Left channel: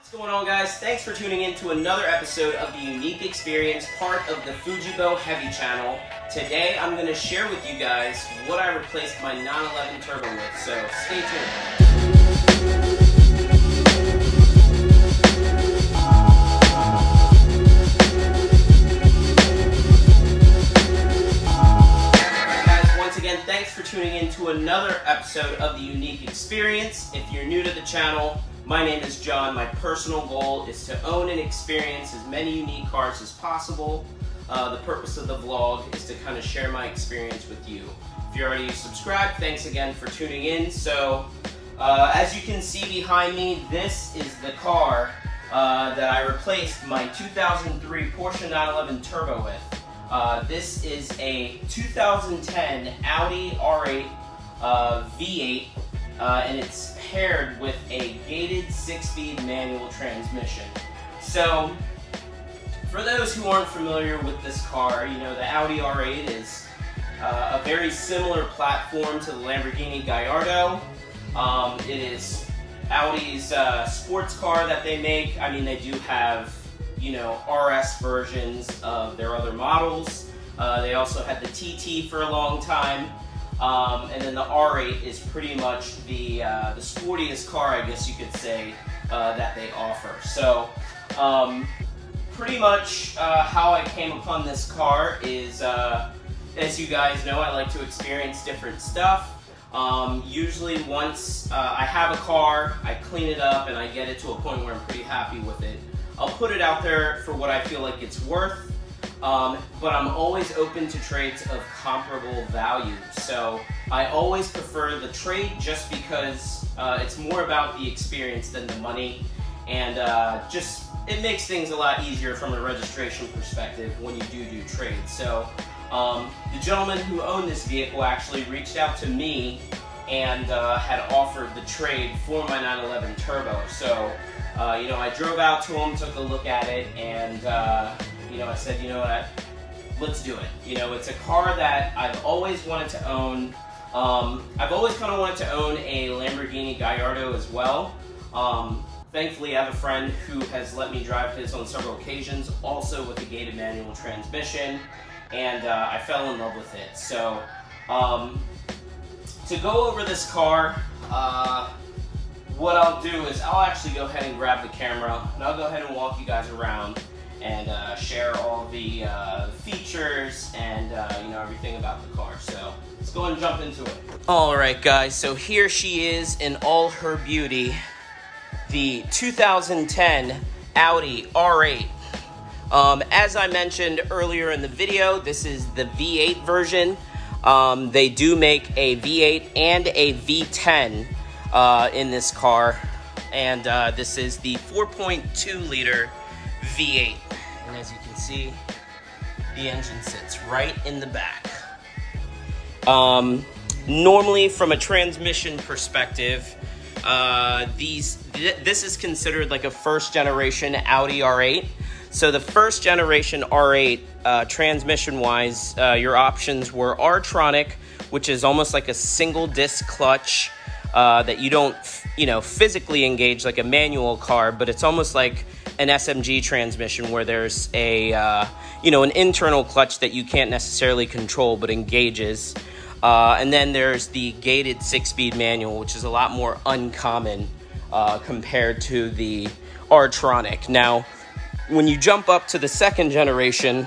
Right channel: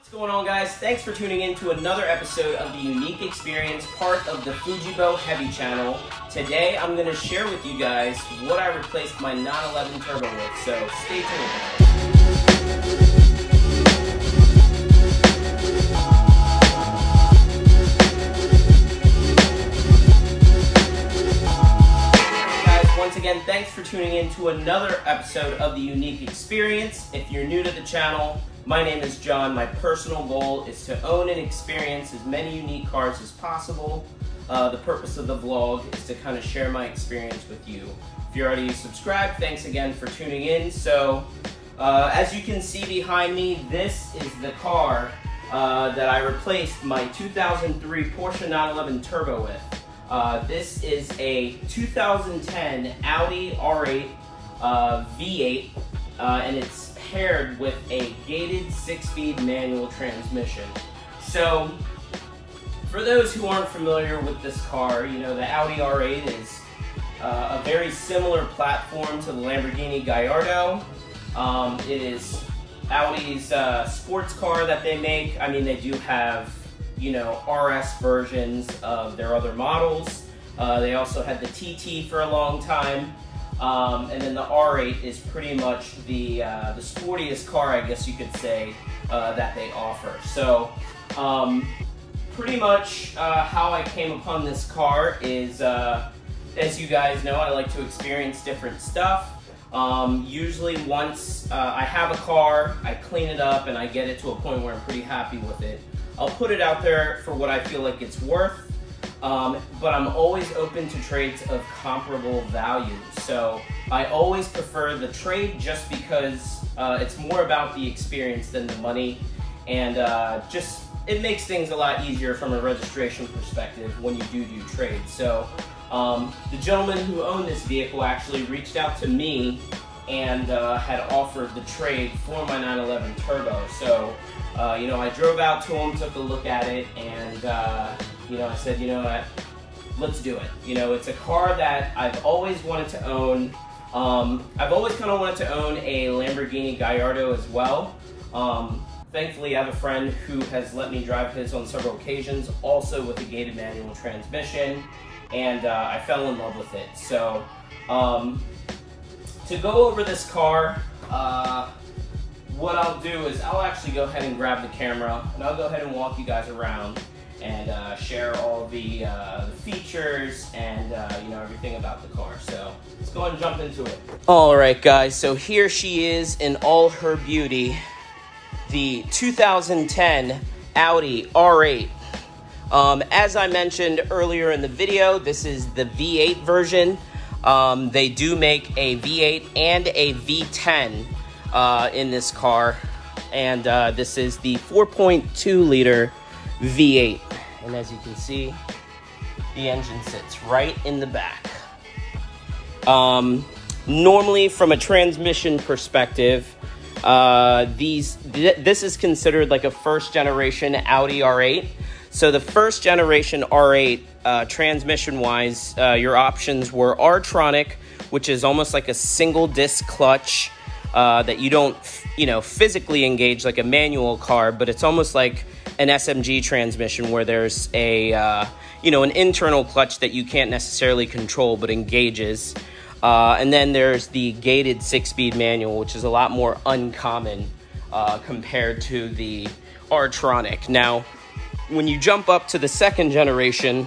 What's going on, guys? Thanks for tuning in to another episode of the Unique Experience, part of the Fujibo Heavy channel. Today I'm going to share with you guys what I replaced my 911 Turbo with, so stay tuned. Once again, thanks for tuning in to another episode of the Unique Experience. If you're new to the channel, my name is John. My personal goal is to own and experience as many unique cars as possible. The purpose of the vlog is to kind of share my experience with you. If you're already subscribed, thanks again for tuning in. So, as you can see behind me, this is the car that I replaced my 2003 Porsche 911 Turbo with. This is a 2010 Audi R8 V8, and it's paired with a gated 6-speed manual transmission. So, for those who aren't familiar with this car, you know, the Audi R8 is a very similar platform to the Lamborghini Gallardo. It is Audi's sports car that they make. I mean, they do have, you know, RS versions of their other models. They also had the TT for a long time. And then the R8 is pretty much the sportiest car, I guess you could say, that they offer. So, pretty much how I came upon this car is, as you guys know, I like to experience different stuff. Usually once I have a car, I clean it up and I get it to a point where I'm pretty happy with it, I'll put it out there for what I feel like it's worth, but I'm always open to trades of comparable value. So I always prefer the trade just because it's more about the experience than the money, and just it makes things a lot easier from a registration perspective when you do trades. So the gentleman who owned this vehicle actually reached out to me and had offered the trade for my 911 Turbo. So you know, I drove out to him, took a look at it, and you know, I said, you know what, let's do it. You know, it's a car that I've always wanted to own. I've always kind of wanted to own a Lamborghini Gallardo as well. Thankfully, I have a friend who has let me drive his on several occasions, also with a gated manual transmission, and I fell in love with it. So, to go over this car, what I'll do is I'll actually go ahead and grab the camera, and I'll go ahead and walk you guys around and share all the features and you know, everything about the car. So let's go and jump into it. All right, guys. So here she is in all her beauty, the 2010 Audi R8. As I mentioned earlier in the video, this is the V8 version. They do make a V8 and a V10 in this car, and this is the 4.2 liter V8, and as you can see, the engine sits right in the back. Normally, from a transmission perspective, this is considered like a first generation Audi R8. So the first generation R8, transmission wise, your options were R-tronic, which is almost like a single disc clutch that you don't, you know, physically engage like a manual car, but it's almost like an SMG transmission where there's a, you know, an internal clutch that you can't necessarily control but engages. And then there's the gated 6-speed manual, which is a lot more uncommon compared to the R-tronic. Now, when you jump up to the second generation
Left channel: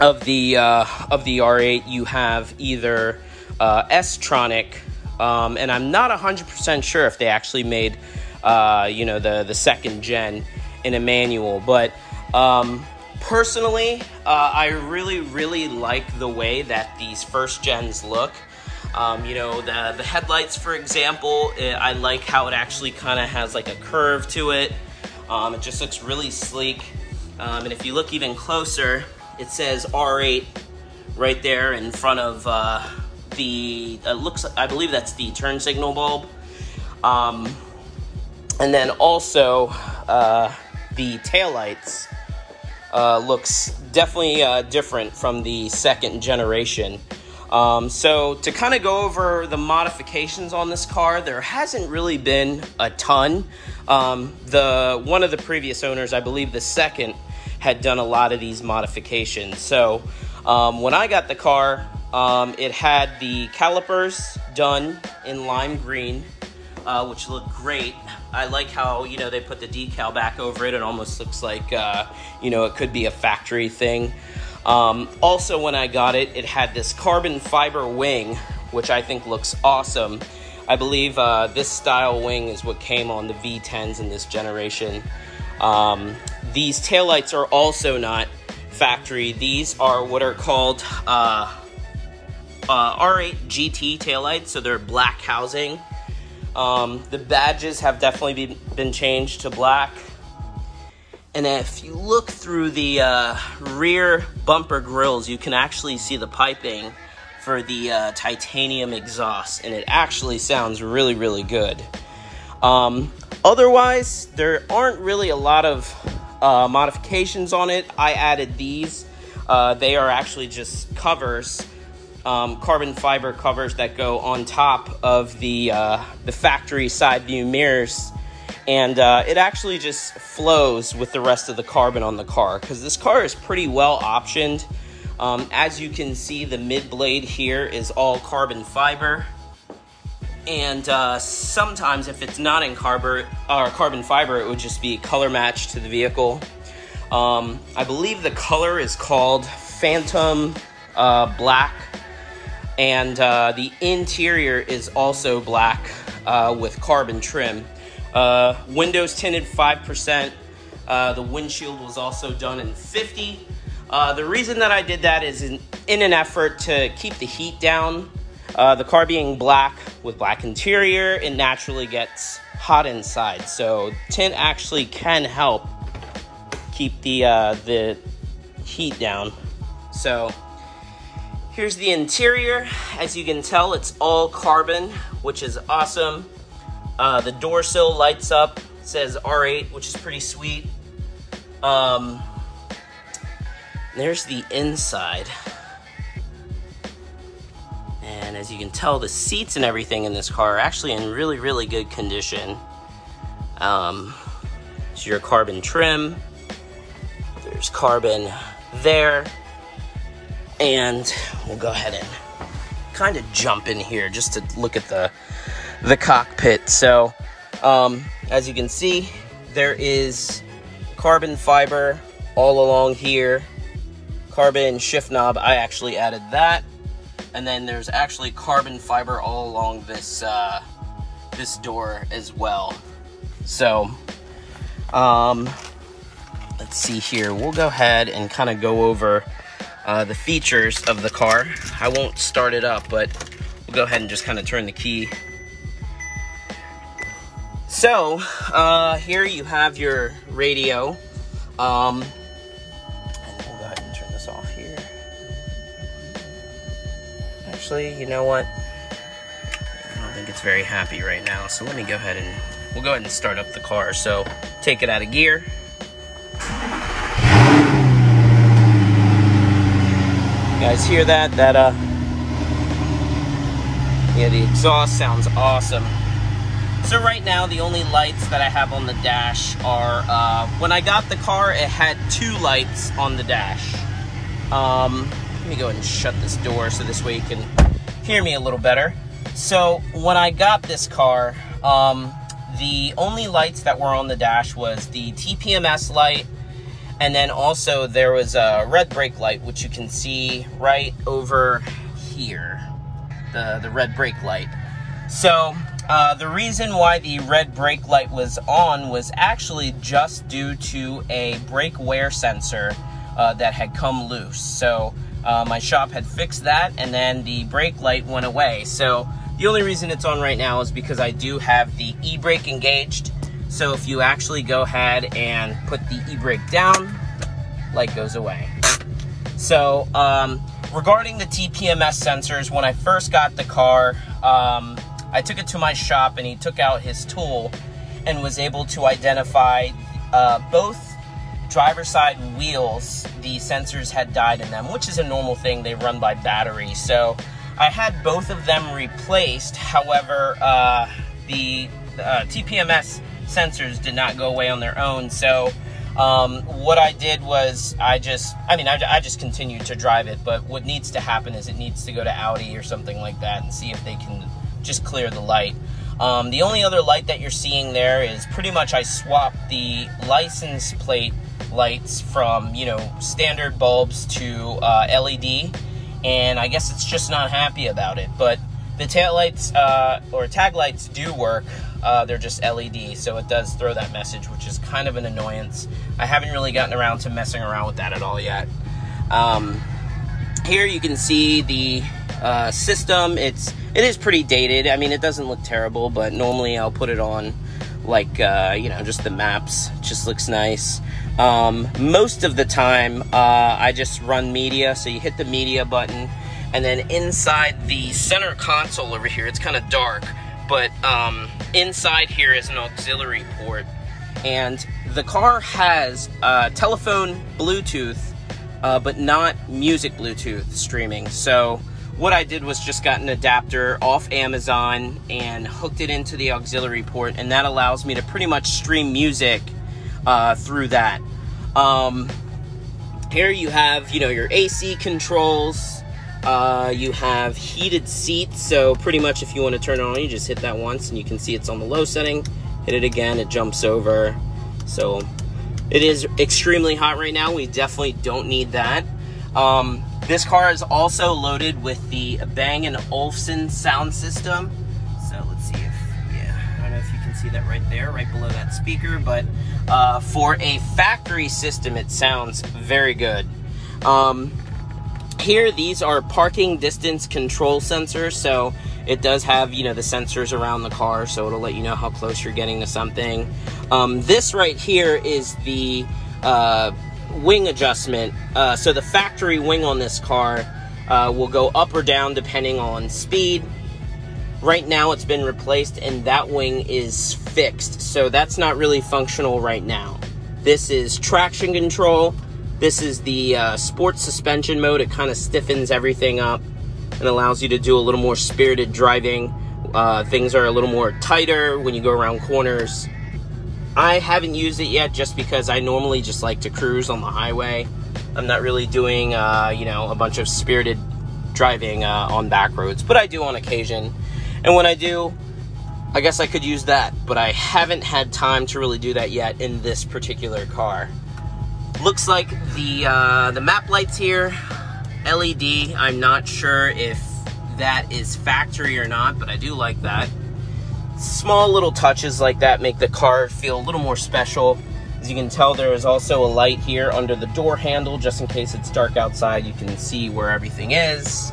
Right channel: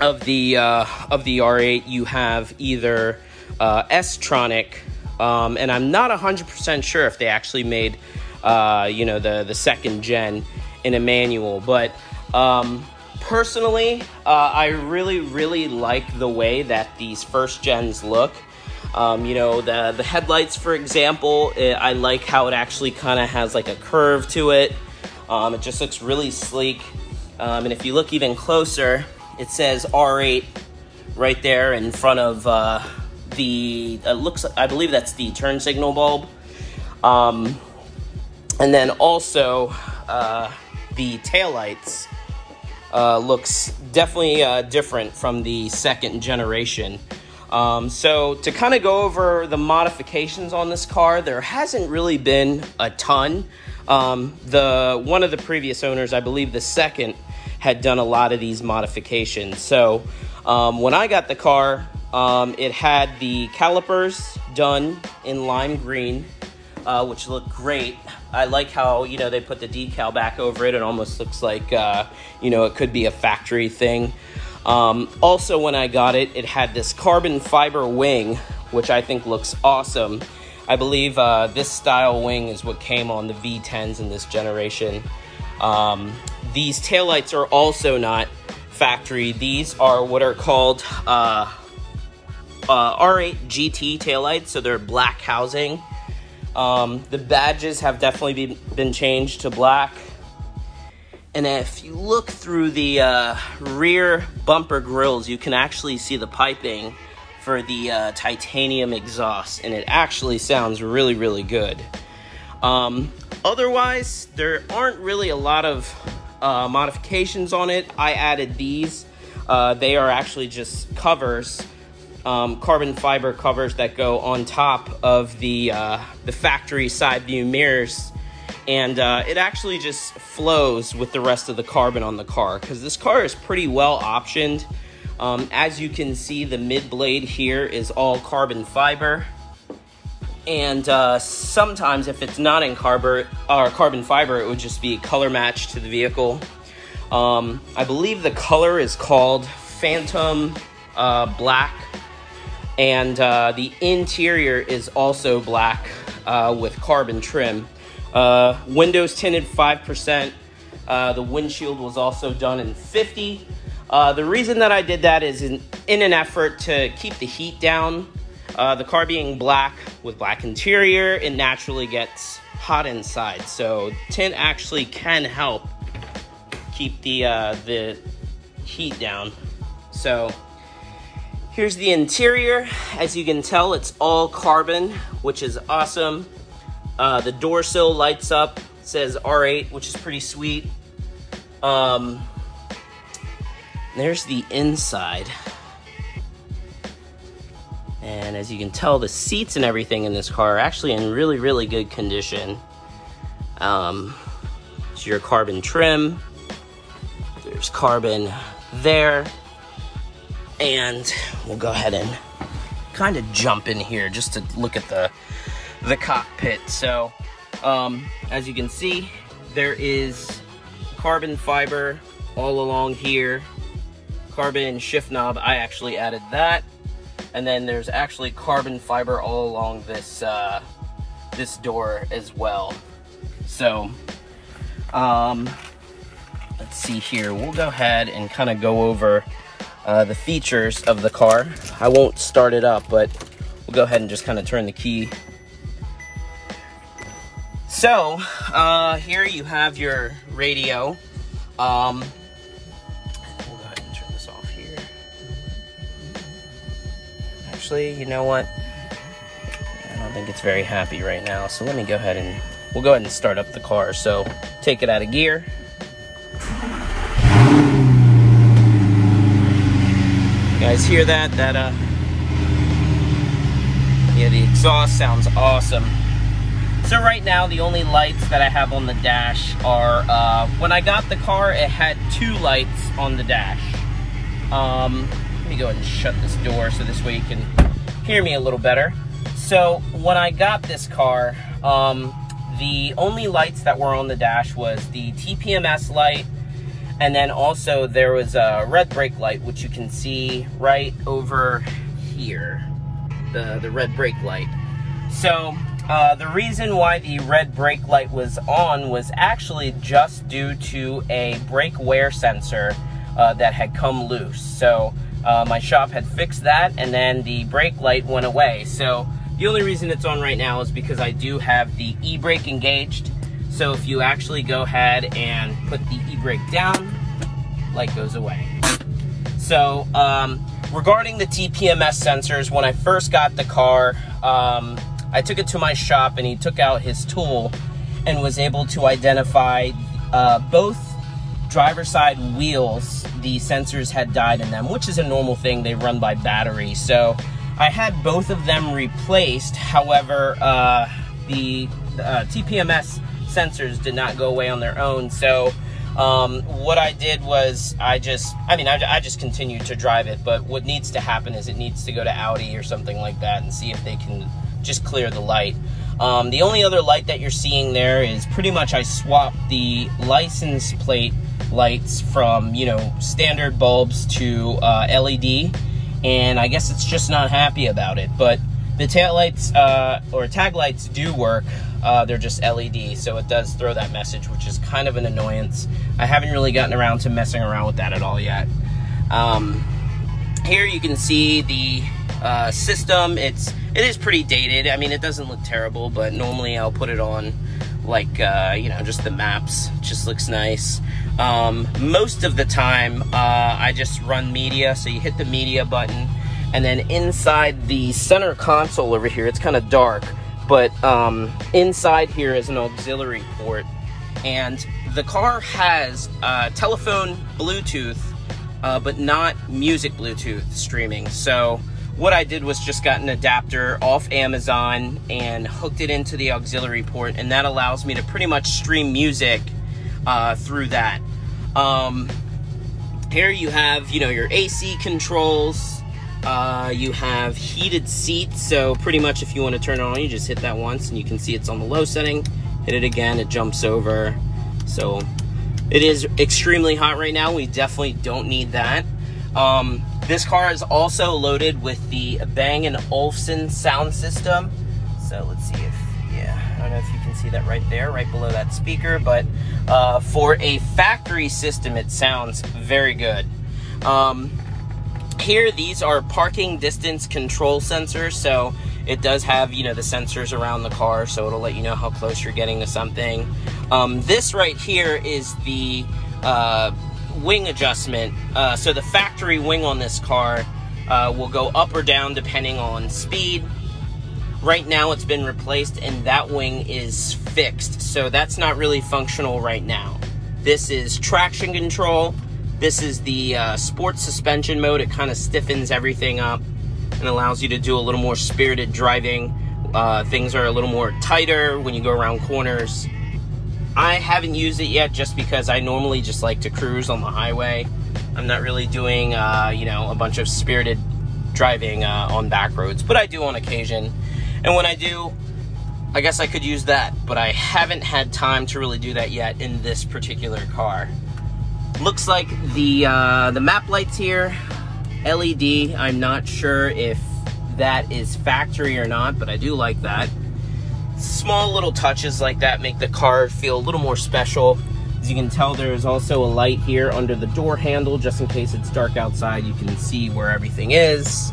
of the R8, you have either S-tronic, and I'm not 100% sure if they actually made, you know, the second gen in a manual, but personally, I really like the way that these first gens look. You know, the headlights, for example, I like how it actually kind of has like a curve to it. It just looks really sleek. And if you look even closer, it says R8 right there in front of I believe that's the turn signal bulb. And then also the taillights looks definitely different from the second generation. So to kind of go over the modifications on this car, there hasn't really been a ton. One of the previous owners, I believe the second, had done a lot of these modifications. So when I got the car, it had the calipers done in lime green, which looked great. I like how, you know, they put the decal back over it. It almost looks like, you know, it could be a factory thing. Also, when I got it, it had this carbon fiber wing, which I think looks awesome. I believe this style wing is what came on the V10s in this generation. These taillights are also not factory. These are what are called R8 GT taillights, so they're black housing. The badges have definitely been changed to black. And if you look through the rear bumper grills, you can actually see the piping for the titanium exhaust, and it actually sounds really, really good. Otherwise, there aren't really a lot of modifications on it. I added these. They are actually just covers, carbon fiber covers that go on top of the factory side view mirrors. And it actually just flows with the rest of the carbon on the car, because this car is pretty well optioned. As you can see, the mid blade here is all carbon fiber. And sometimes if it's not in carbon fiber, it would just be color matched to the vehicle. I believe the color is called Phantom Black. And the interior is also black with carbon trim. Windows tinted 5%. The windshield was also done in 50. The reason that I did that is in an effort to keep the heat down. The car being black with black interior, it naturally gets hot inside. So tint actually can help keep the heat down. So here's the interior. As you can tell, it's all carbon, which is awesome. The door sill lights up, it says R8, which is pretty sweet. There's the inside. And as you can tell, the seats and everything in this car are actually in really, really good condition. So your carbon trim, there's carbon there. And we'll go ahead and kind of jump in here just to look at the cockpit. So as you can see, there is carbon fiber all along here. Carbon shift knob, I actually added that. And then there's actually carbon fiber all along this this door as well. So let's see here. We'll go ahead and kind of go over the features of the car. I won't start it up, but we'll go ahead and just kind of turn the key. So here you have your radio. We'll go ahead and turn this off here. Actually, you know what? I don't think it's very happy right now. So let me go ahead and we'll go ahead and start up the car. So take it out of gear. You guys hear that? Yeah, the exhaust sounds awesome. So right now, the only lights that I have on the dash are, when I got the car, it had 2 lights on the dash. Let me go ahead and shut this door so this way you can hear me a little better. So when I got this car, the only lights that were on the dash was the TPMS light, and then also there was a red brake light, which you can see right over here, the red brake light. So the reason why the red brake light was on was actually just due to a brake wear sensor that had come loose. So my shop had fixed that, and then the brake light went away. So the only reason it's on right now is because I do have the e-brake engaged. So if you actually go ahead and put the e-brake down, light goes away. So regarding the TPMS sensors, when I first got the car, I took it to my shop and he took out his tool and was able to identify both driver's side wheels. The sensors had died in them, which is a normal thing. They run by battery. So I had both of them replaced. However, the TPMS sensors did not go away on their own. So what I did was I just continued to drive it, but what needs to happen is it needs to go to Audi or something like that and see if they can just clear the light. The only other light that you're seeing there is pretty much I swapped the license plate lights from, you know, standard bulbs to LED, and I guess it's just not happy about it. But the tail lights or tag lights do work. They're just LED, so it does throw that message, which is kind of an annoyance. I haven't really gotten around to messing around with that at all yet. Here you can see the system. It is pretty dated. I mean, it doesn't look terrible, but normally I'll put it on like, you know, just the maps. It just looks nice. Most of the time, I just run media. So you hit the media button, and then inside the center console over here, it's kind of dark, but inside here is an auxiliary port, and the car has telephone Bluetooth, but not music Bluetooth streaming. So what I did was just got an adapter off Amazon and hooked it into the auxiliary port, and that allows me to pretty much stream music through that. Here you have, you know, your AC controls. You have heated seats, so pretty much if you want to turn it on, you just hit that once and you can see it's on the low setting. Hit it again, it jumps over. So it is extremely hot right now. We definitely don't need that. This car is also loaded with the Bang & Olufsen sound system. So let's see if, yeah, I don't know if you can see that right there, right below that speaker, but for a factory system, it sounds very good. Here, these are parking distance control sensors, so it does have, you know, the sensors around the car, so it'll let you know how close you're getting to something. This right here is the wing adjustment. So the factory wing on this car will go up or down depending on speed. Right now it's been replaced and that wing is fixed, so that's not really functional right now. This is traction control. This is the sports suspension mode. It kind of stiffens everything up and allows you to do a little more spirited driving. Things are a little more tighter when you go around corners. I haven't used it yet just because I normally just like to cruise on the highway. I'm not really doing, you know, a bunch of spirited driving on back roads, but I do on occasion. And when I do, I guess I could use that, but I haven't had time to really do that yet in this particular car. Looks like the map lights here, LED. I'm not sure if that is factory or not, but I do like that. Small little touches like that make the car feel a little more special. As you can tell, there is also a light here under the door handle, just in case it's dark outside, you can see where everything is.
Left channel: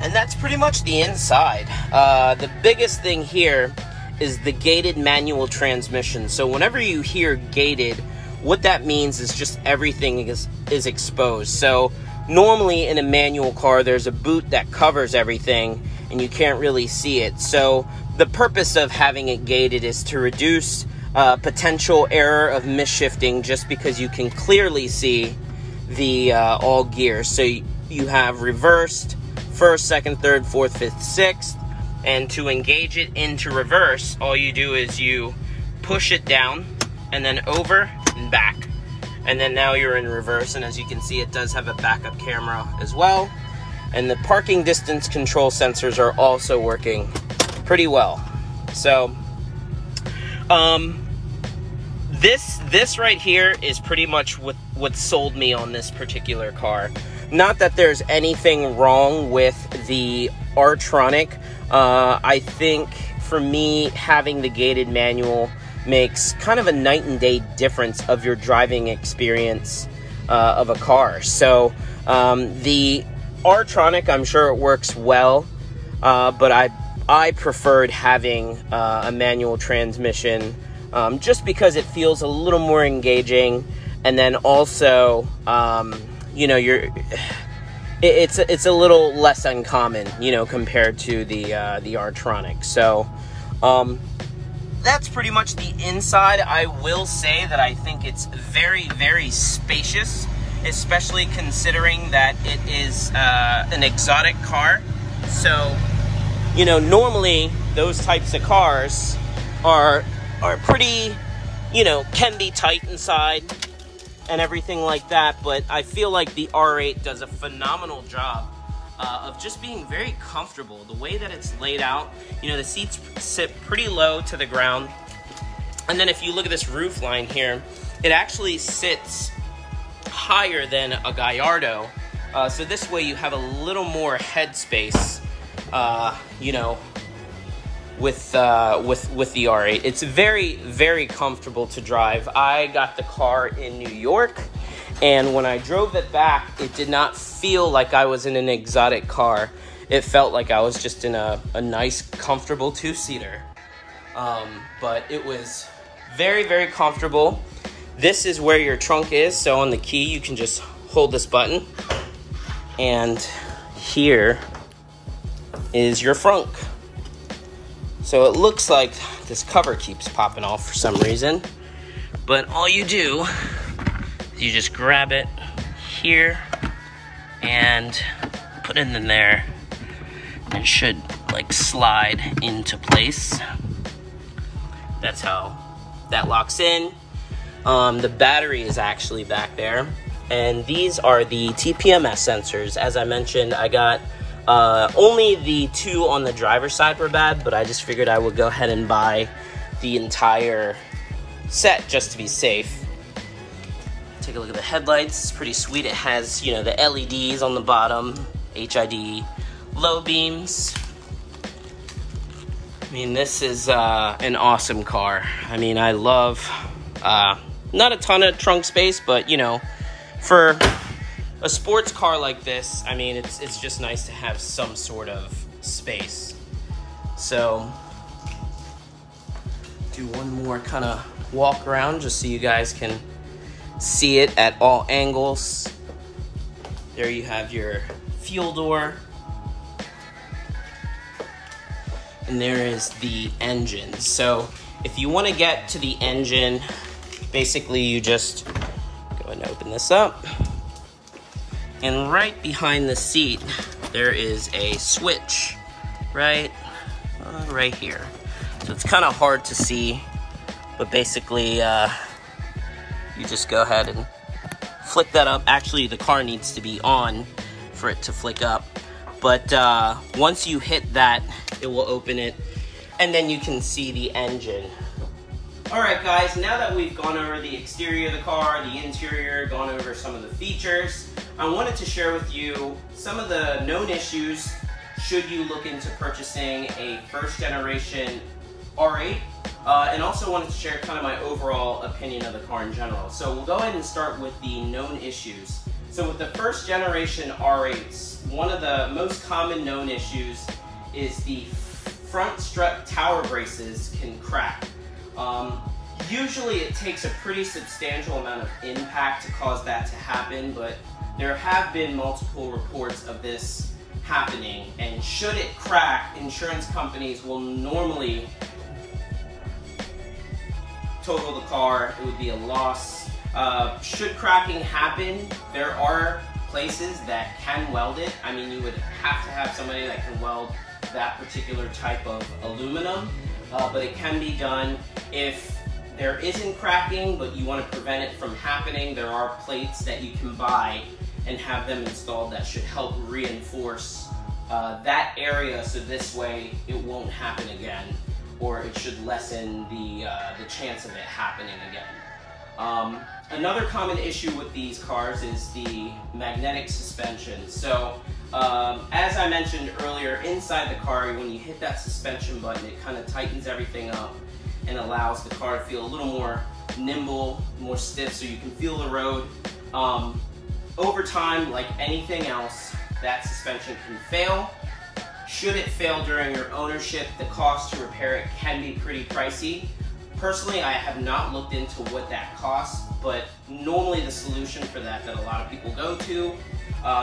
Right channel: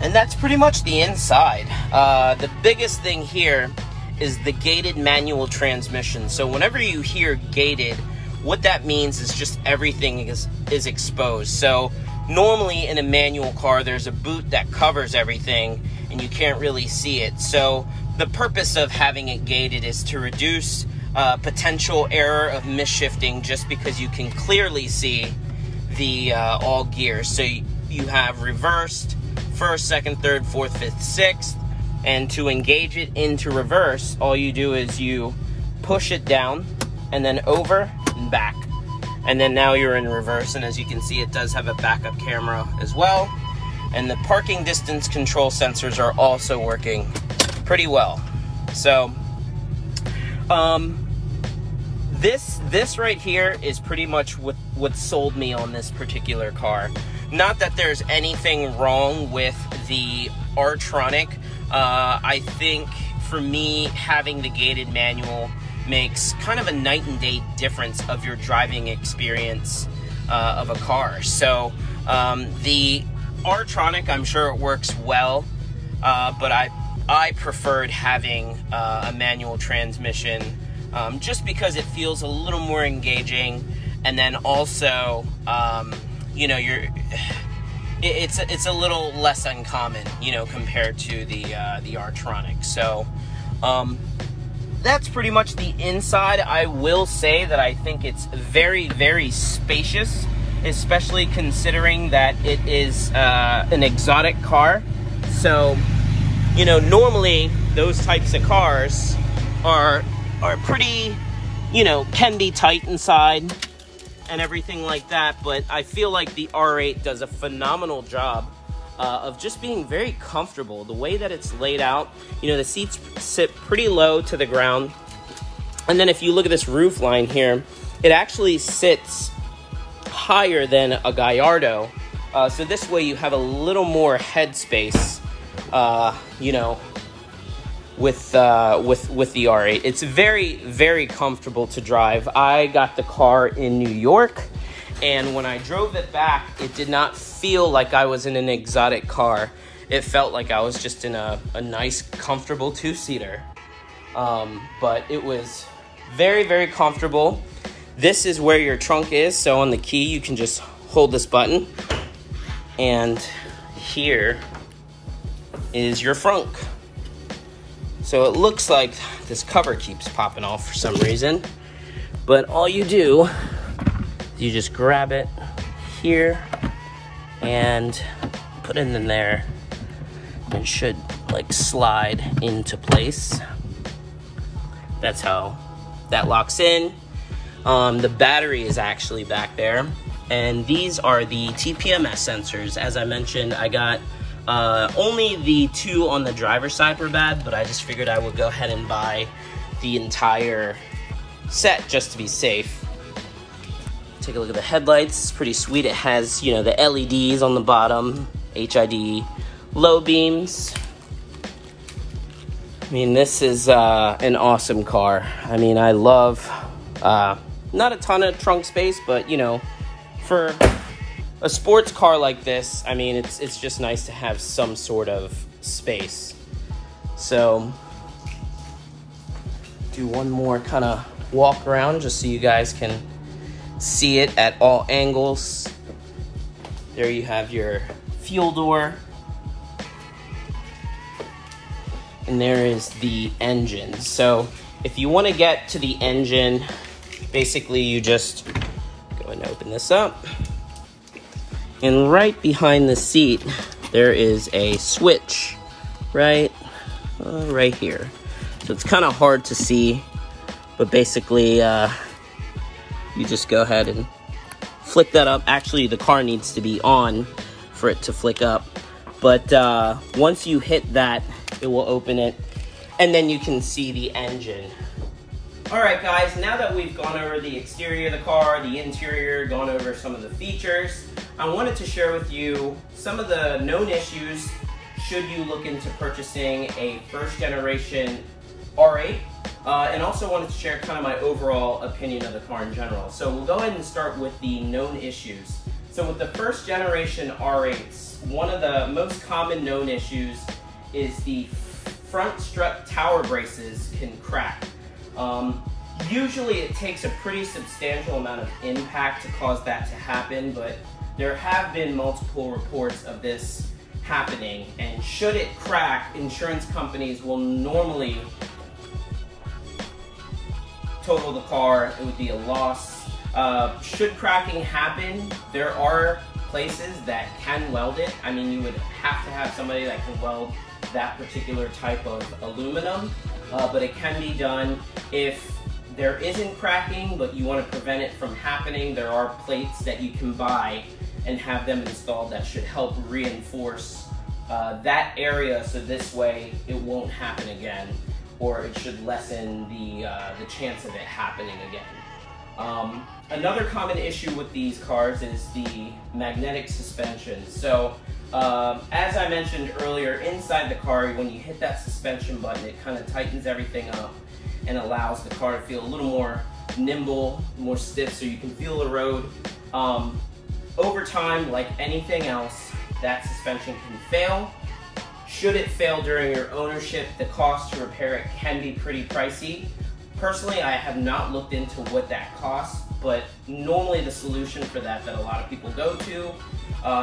And that's pretty much the inside. The biggest thing here is the gated manual transmission. So whenever you hear gated, what that means is just everything is exposed. So normally in a manual car, there's a boot that covers everything and you can't really see it. So the purpose of having it gated is to reduce potential error of misshifting, just because you can clearly see the all gears. So you have reversed, first, second, third, fourth, fifth, sixth, and to engage it into reverse, all you do is you push it down and then over and back, and then now you're in reverse. And as you can see, it does have a backup camera as well, and the parking distance control sensors are also working pretty well. So this right here is pretty much what sold me on this particular car. Not that there's anything wrong with the R-Tronic. I think for me, having the gated manual makes kind of a night and day difference of your driving experience of a car. So the R-Tronic, I'm sure it works well, but I preferred having a manual transmission just because it feels a little more engaging, and then also you know, it's a little less uncommon, you know, compared to the R-Tronic. So that's pretty much the inside. I will say that I think it's very, very spacious, especially considering that it is an exotic car. So, you know, normally those types of cars are are pretty, you know, can be tight inside and everything like that, but I feel like the R8 does a phenomenal job of just being very comfortable. The way that it's laid out, you know, the seats sit pretty low to the ground. And then if you look at this roof line here, it actually sits higher than a Gallardo. So this way you have a little more headspace, you know, with the R8. It's very, very comfortable to drive. I got the car in New York, and when I drove it back, it did not feel like I was in an exotic car. It felt like I was just in a nice, comfortable two-seater. But it was very, very comfortable. This is where your trunk is, so on the key, you can just hold this button, and here is your frunk. So it looks like this cover keeps popping off for some reason, but all you do is you just grab it here and put it in there, and it should like slide into place. That's how that locks in. The battery is actually back there, and these are the TPMS sensors. As I mentioned, I got only the two on the driver's side were bad, but I just figured I would go ahead and buy the entire set just to be safe. Take a look at the headlights. It's pretty sweet. It has, you know, the LEDs on the bottom, HID, low beams. I mean, this is an awesome car. I mean, I love, not a ton of trunk space, but, you know, for a sports car like this, I mean, it's just nice to have some sort of space. So, do one more kind of walk around just so you guys can see it at all angles. There you have your fuel door. And there is the engine. So, if you want to get to the engine, basically you just go ahead and open this up. And right behind the seat, there is a switch, right here. So it's kind of hard to see, but basically you just go ahead and flick that up. Actually, the car needs to be on for it to flick up. But once you hit that, it will open it, and then you can see the engine. Alright guys, now that we've gone over the exterior of the car, the interior, gone over some of the features, I wanted to share with you some of the known issues should you look into purchasing a first generation R8, and also wanted to share kind of my overall opinion of the car in general. So we'll go ahead and start with the known issues. So with the first generation R8s, one of the most common known issues is the front strut tower braces can crack. Usually it takes a pretty substantial amount of impact to cause that to happen, but there have been multiple reports of this happening, and should it crack, insurance companies will normally total the car. It would be a loss. Should cracking happen, there are places that can weld it. I mean, you would have to have somebody that can weld that particular type of aluminum, but it can be done. If there isn't cracking, but you want to prevent it from happening, there are plates that you can buy and have them installed that should help reinforce that area, so this way it won't happen again, or it should lessen the chance of it happening again. Another common issue with these cars is the magnetic suspension. So as I mentioned earlier, inside the car, when you hit that suspension button, it kind of tightens everything up and allows the car to feel a little more nimble, more stiff, so you can feel the road. Over time, like anything else, that suspension can fail. Should it fail during your ownership, the cost to repair it can be pretty pricey. Personally, I have not looked into what that costs, but normally the solution for that a lot of people go to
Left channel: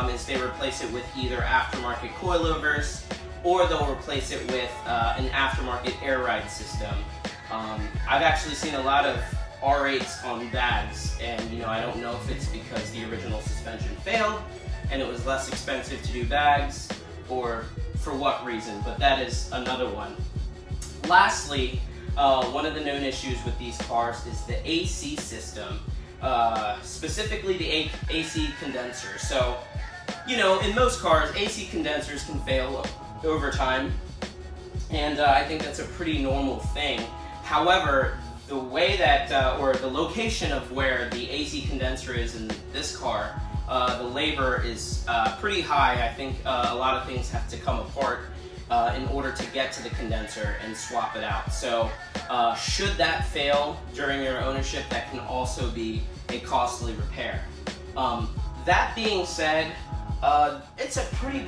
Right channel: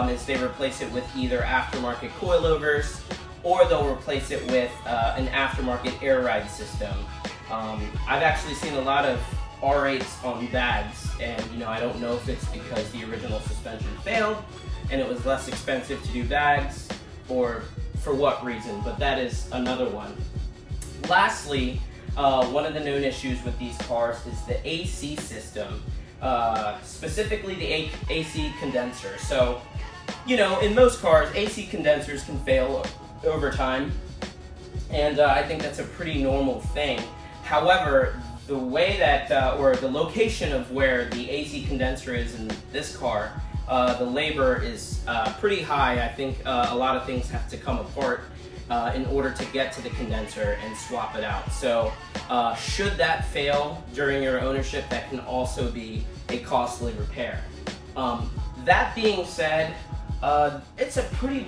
is they replace it with either aftermarket coilovers, or they'll replace it with an aftermarket air ride system. I've actually seen a lot of R8s on bags, and I don't know if it's because the original suspension failed and it was less expensive to do bags, or for what reason, but that is another one. Lastly, one of the known issues with these cars is the AC system, specifically the AC condenser. So, you know, in most cars, AC condensers can fail over time, and I think that's a pretty normal thing. However, the way that, or the location of where the AC condenser is in this car, the labor is pretty high. I think a lot of things have to come apart in order to get to the condenser and swap it out. So should that fail during your ownership, that can also be a costly repair. That being said, it's a pretty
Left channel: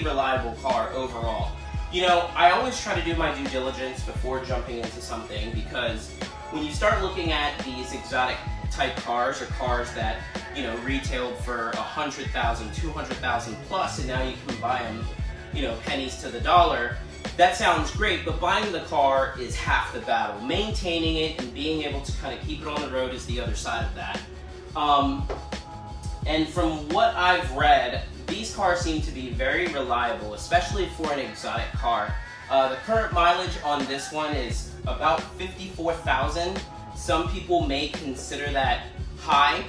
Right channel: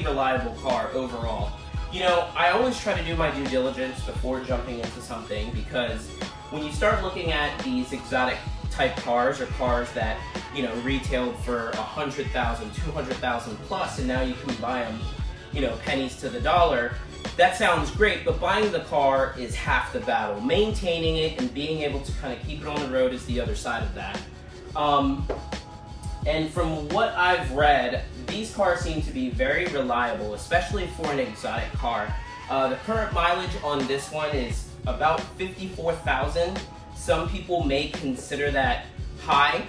reliable car overall. You know, I always try to do my due diligence before jumping into something, because when you start looking at these exotic type cars, or cars that, you know, retailed for $100,000, $200,000 plus, and now you can buy them, you know, pennies to the dollar, that sounds great, but buying the car is half the battle. Maintaining it and being able to kind of keep it on the road is the other side of that. And from what I've read, these cars seem to be very reliable, especially for an exotic car. The current mileage on this one is about 54,000. Some people may consider that high.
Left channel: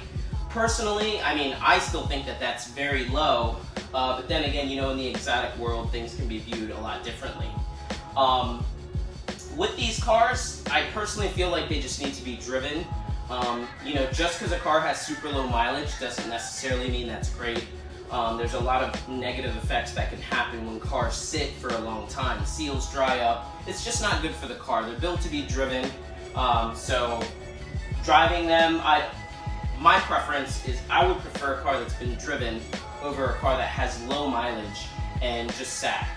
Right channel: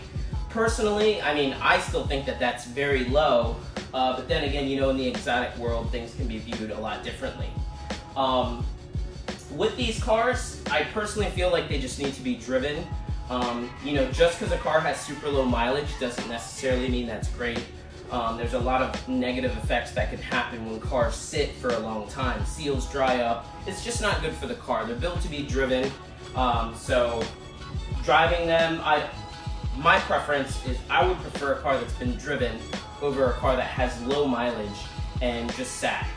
Personally, I mean, I still think that that's very low, but then again, you know, in the exotic world, things can be viewed a lot differently. With these cars, I personally feel like they just need to be driven. You know, just because a car has super low mileage doesn't necessarily mean that's great. There's a lot of negative effects that can happen when cars sit for a long time. Seals dry up. It's just not good for the car. They're built to be driven. So driving them, my preference is I would prefer a car that's been driven over a car that has low mileage and just sat.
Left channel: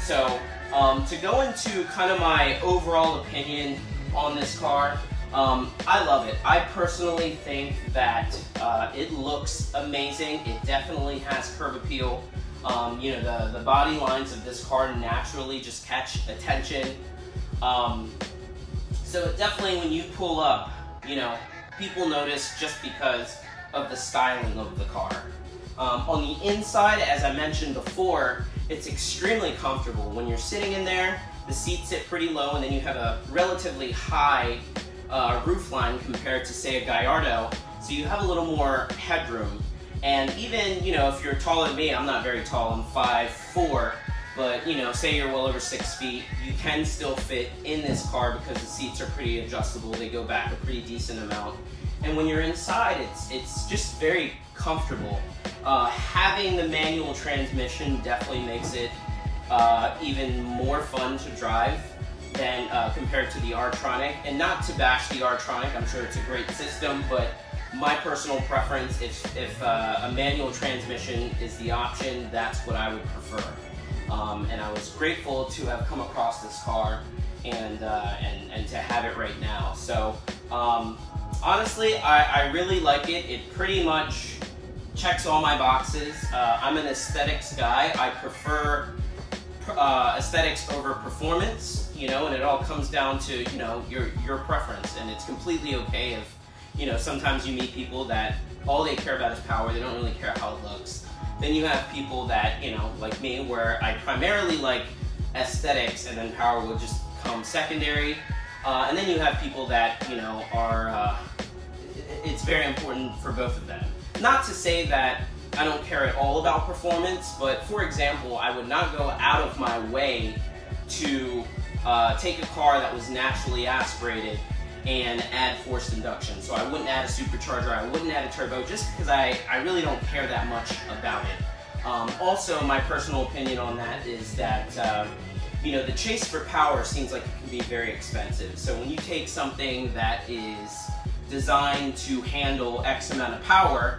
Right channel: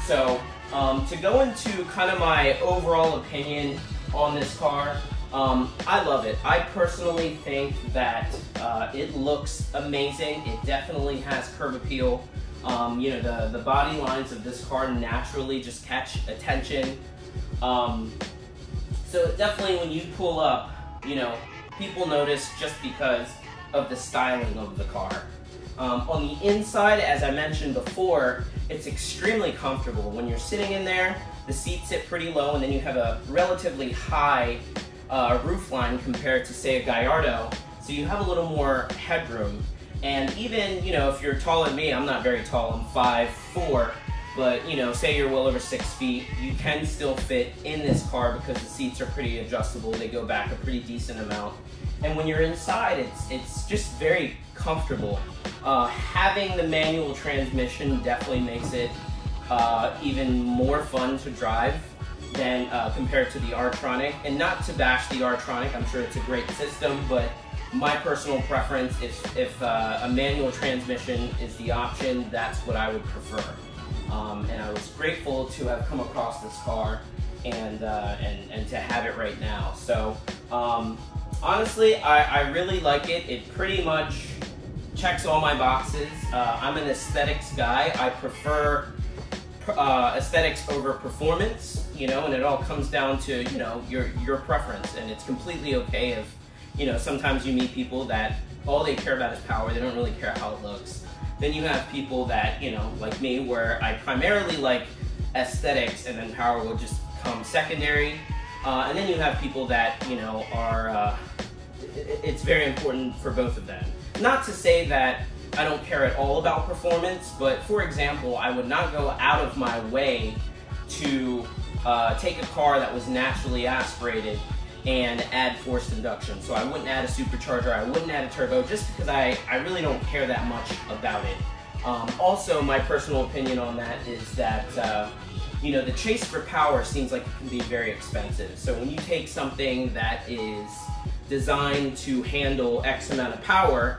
So to go into kind of my overall opinion on this car, I love it. I personally think that it looks amazing. It definitely has curb appeal. You know, the body lines of this car naturally just catch attention. So definitely when you pull up, you know, people notice just because of the styling of the car. On the inside, as I mentioned before, it's extremely comfortable. When you're sitting in there, the seats sit pretty low, and then you have a relatively high roof line compared to, say, a Gallardo, so you have a little more headroom. And even, you know, if you're taller than me, I'm not very tall, I'm 5'4", but, you know, say you're well over 6 feet, you can still fit in this car because the seats are pretty adjustable. They go back a pretty decent amount. And when you're inside, it's just very comfortable. Having the manual transmission definitely makes it even more fun to drive than compared to the R-Tronic. And not to bash the R-Tronic, I'm sure it's a great system, but my personal preference, if a manual transmission is the option, that's what I would prefer. And I was grateful to have come across this car and to have it right now. So honestly, I really like it. It pretty much checks all my boxes. I'm an aesthetics guy. I prefer aesthetics over performance, you know, and it all comes down to, you know, your preference. And it's completely okay if, you know, sometimes you meet people that all they care about is power. They don't really care how it looks. Then you have people that, you know, like me, where I primarily like aesthetics and then power will just come secondary. And then you have people that, you know, are, it's very important for both of them. Not to say that I don't care at all about performance, but for example, I would not go out of my way to take a car that was naturally aspirated and add forced induction. So I wouldn't add a supercharger, I wouldn't add a turbo, just because I really don't care that much about it. Also, my personal opinion on that is that, you know, the chase for power seems like it can be very expensive. So when you take something that is designed to handle X amount of power,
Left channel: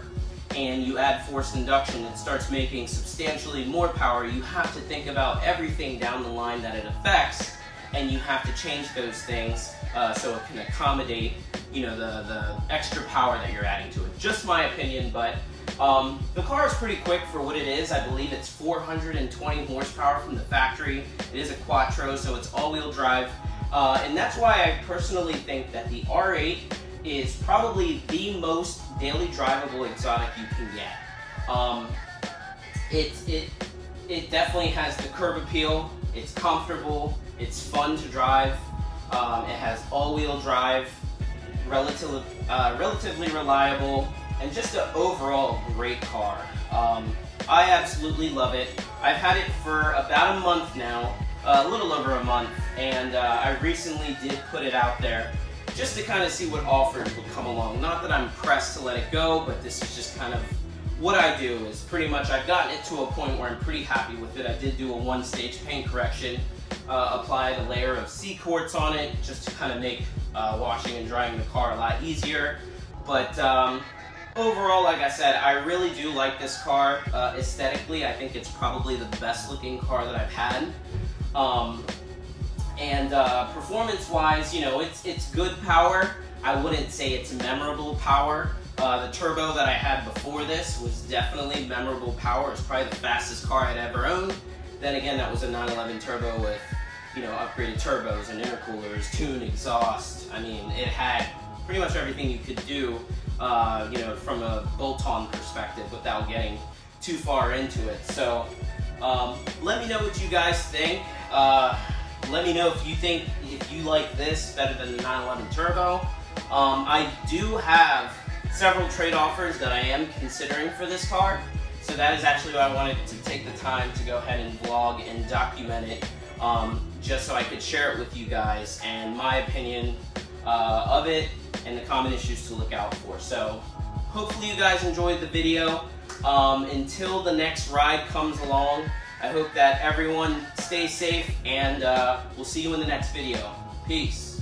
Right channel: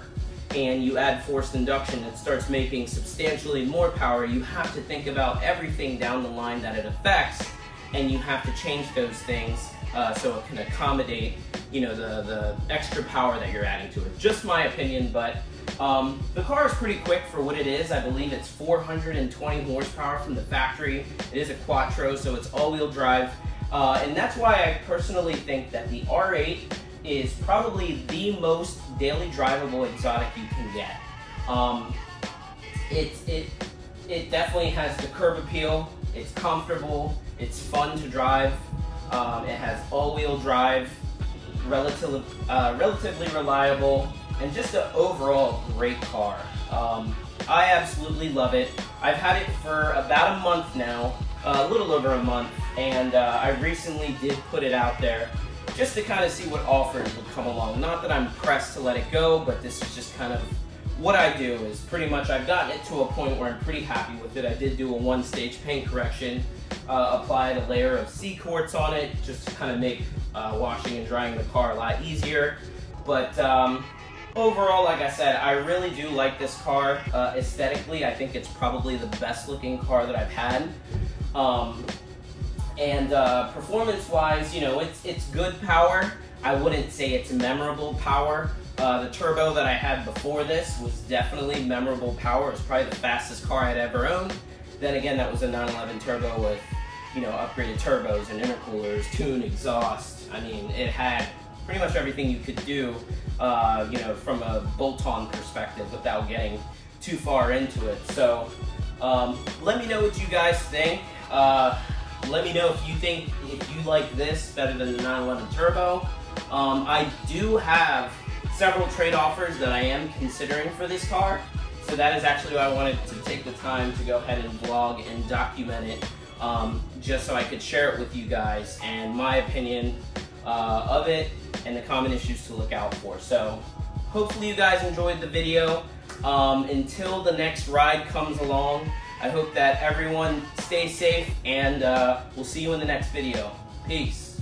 and you add forced induction, it starts making substantially more power. You have to think about everything down the line that it affects, and you have to change those things so it can accommodate, you know, the extra power that you're adding to it. Just my opinion, but the car is pretty quick for what it is. I believe it's 420 horsepower from the factory. It is a Quattro, so it's all-wheel drive, and that's why I personally think that the R8 is probably the most daily drivable exotic you can get. It definitely has the curb appeal, it's comfortable, it's fun to drive. It has all-wheel drive, relatively reliable, and just an overall great car. I absolutely love it. I've had it for about a month now, a little over a month, and I recently did put it out there just to kind of see what offers would come along. Not that I'm pressed to let it go, but this is just kind of what I do. Is pretty much I've gotten it to a point where I'm pretty happy with it. I did do a one-stage paint correction, applied a layer of C-quartz on it just to kind of make washing and drying the car a lot easier. But overall, like I said, I really do like this car. Aesthetically, I think it's probably the best looking car that I've had. And performance-wise, you know, it's good power. I wouldn't say it's memorable power. The turbo that I had before this was definitely memorable power. It's probably the fastest car I'd ever owned. Then again, that was a 911 turbo with, you know, upgraded turbos and intercoolers, tuned exhaust. I mean, it had pretty much everything you could do, you know, from a bolt-on perspective without getting too far into it. So let me know what you guys think. Let me know if you like this better than the 911 turbo. I do have several trade offers that I am considering for this car. So that is actually why I wanted to take the time to go ahead and vlog and document it, just so I could share it with you guys and my opinion of it and the common issues to look out for. So hopefully you guys enjoyed the video. Until the next ride comes along, I hope that everyone stays safe, and we'll see you in the next video. Peace.